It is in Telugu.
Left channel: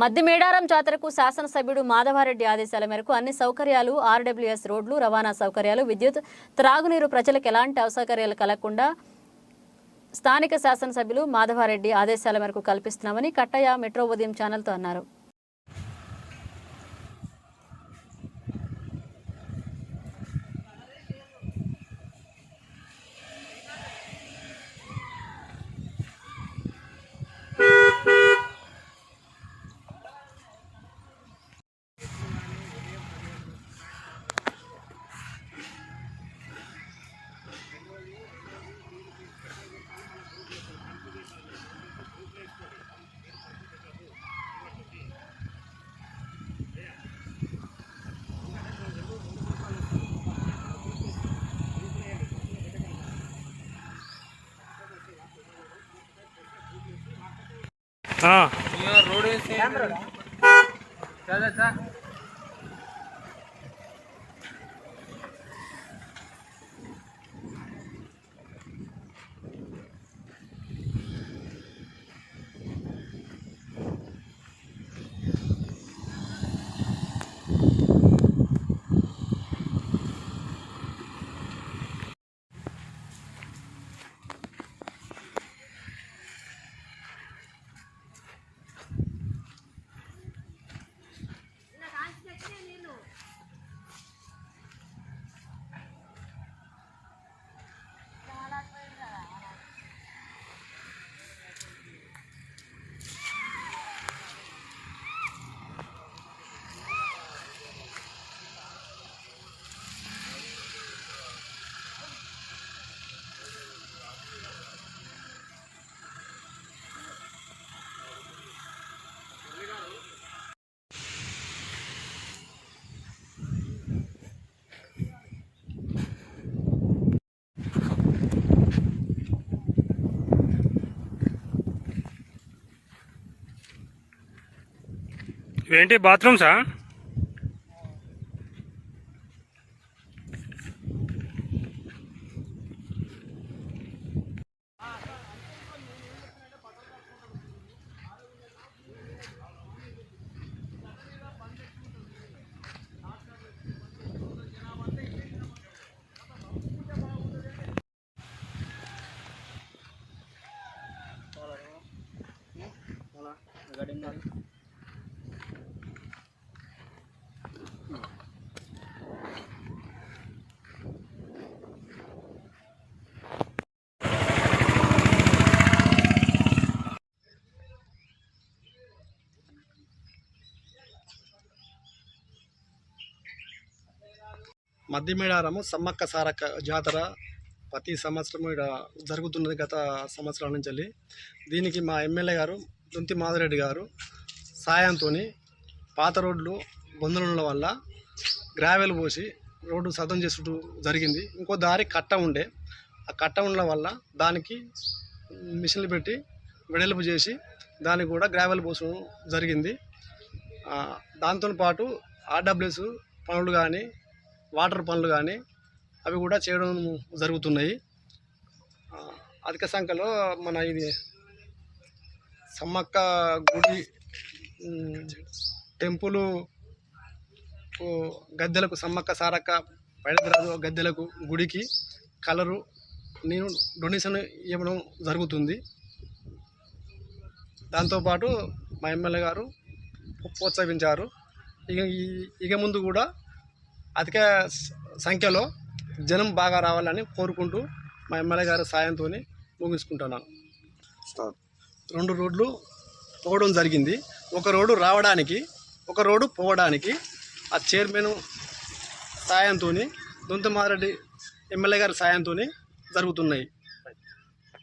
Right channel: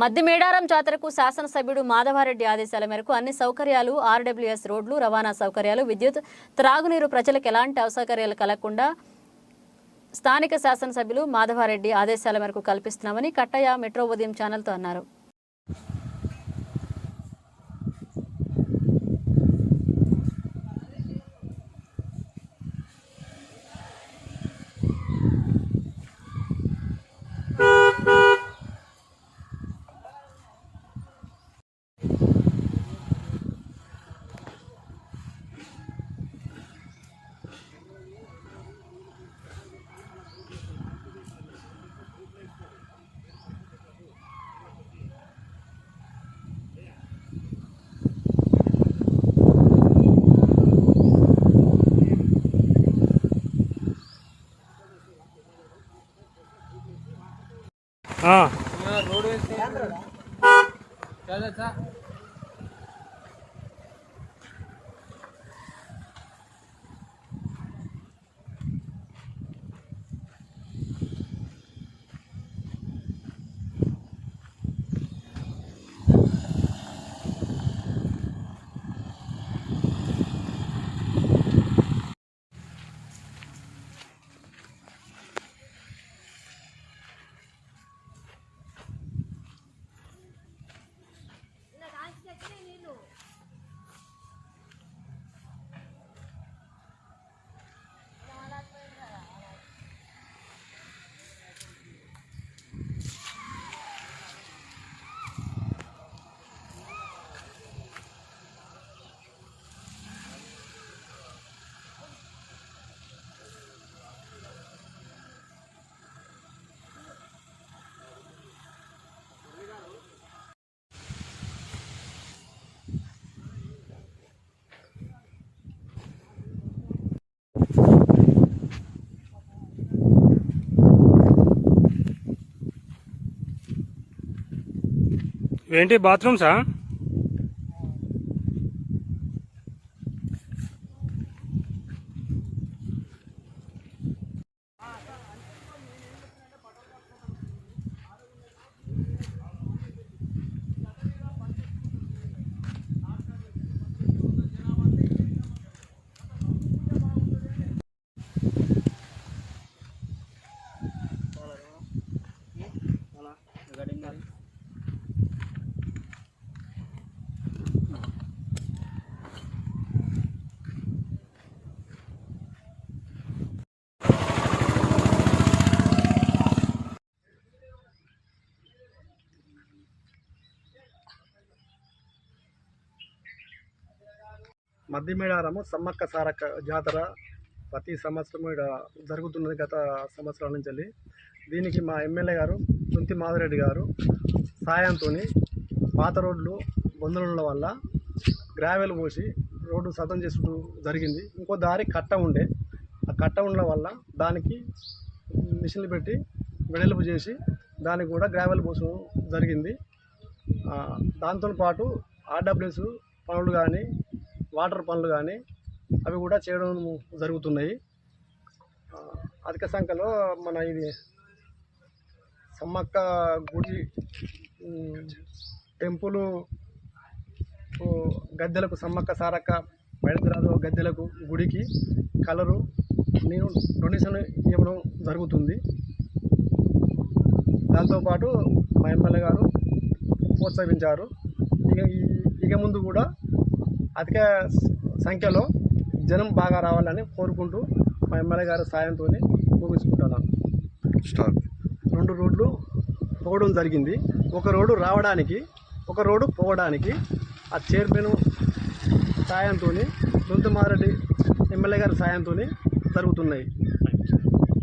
మద్దిమేడారం జాతరకు శాసనసభ్యుడు మాధవారెడ్డి ఆదేశాల మేరకు అన్ని సౌకర్యాలు ఆర్డబ్ల్యూఎస్ రోడ్లు రవాణా సౌకర్యాలు విద్యుత్ త్రాగునీరు ప్రజలకు ఎలాంటి అసౌకర్యాలు కలగకుండా స్థానిక శాసనసభ్యులు మాధవారెడ్డి ఆదేశాల మేరకు కల్పిస్తున్నామని కట్టయ్య మెట్రో ఉదయం ఛానల్తో అన్నారు. रोड क्या ఏంటి బాత్రూమ్సా? మద్దిమేడారము సమ్మక్క సారక్క జాతర ప్రతి సంవత్సరం ఇక్కడ జరుగుతున్నది. గత సంవత్సరాల నుంచి దీనికి మా ఎమ్మెల్యే గారు దుంతి మాధవరెడ్డి గారు సాయంతో పాత రోడ్లు బొందల వల్ల గ్రావెల్ పోసి రోడ్డు సదం చేసుకుంటూ జరిగింది. ఇంకో దారి కట్ట ఉండే, ఆ కట్ట ఉండడం వల్ల దానికి మిషన్లు పెట్టి వెడల్పు చేసి దానికి కూడా గ్రావెల్ పోసడం జరిగింది. దాంతో పాటు ఆర్డబ్ల్యూఎస్ పనులు కానీ వాటర్ పనులు కానీ అవి కూడా చేయడం జరుగుతున్నాయి. అధిక సంఖ్యలో మన ఇది సమ్మక్క గుడి టెంపుల్ గద్దెలకు సమ్మక్క సారక్క బయలుదేరాదు గద్దెలకు గుడికి కలరు నేను డొనేషన్ ఇవ్వడం జరుగుతుంది. దాంతోపాటు మా ఎమ్మెల్యే గారు ప్రోత్సహించారు. ఇక ముందు కూడా అధిక సంఖ్యలో జనం బాగా రావాలని కోరుకుంటూ మా ఎమ్మెల్యే గారి సాయంతో ముగించుకుంటున్నాను. 2 రోడ్లు పోవడం జరిగింది. ఒక రోడ్డు రావడానికి, ఒక రోడ్డు పోవడానికి ఆ చైర్మన్ సాయంతో దుంతి మాధవరెడ్డి ఎమ్మెల్యే గారి సాయంతో జరుగుతున్నాయి.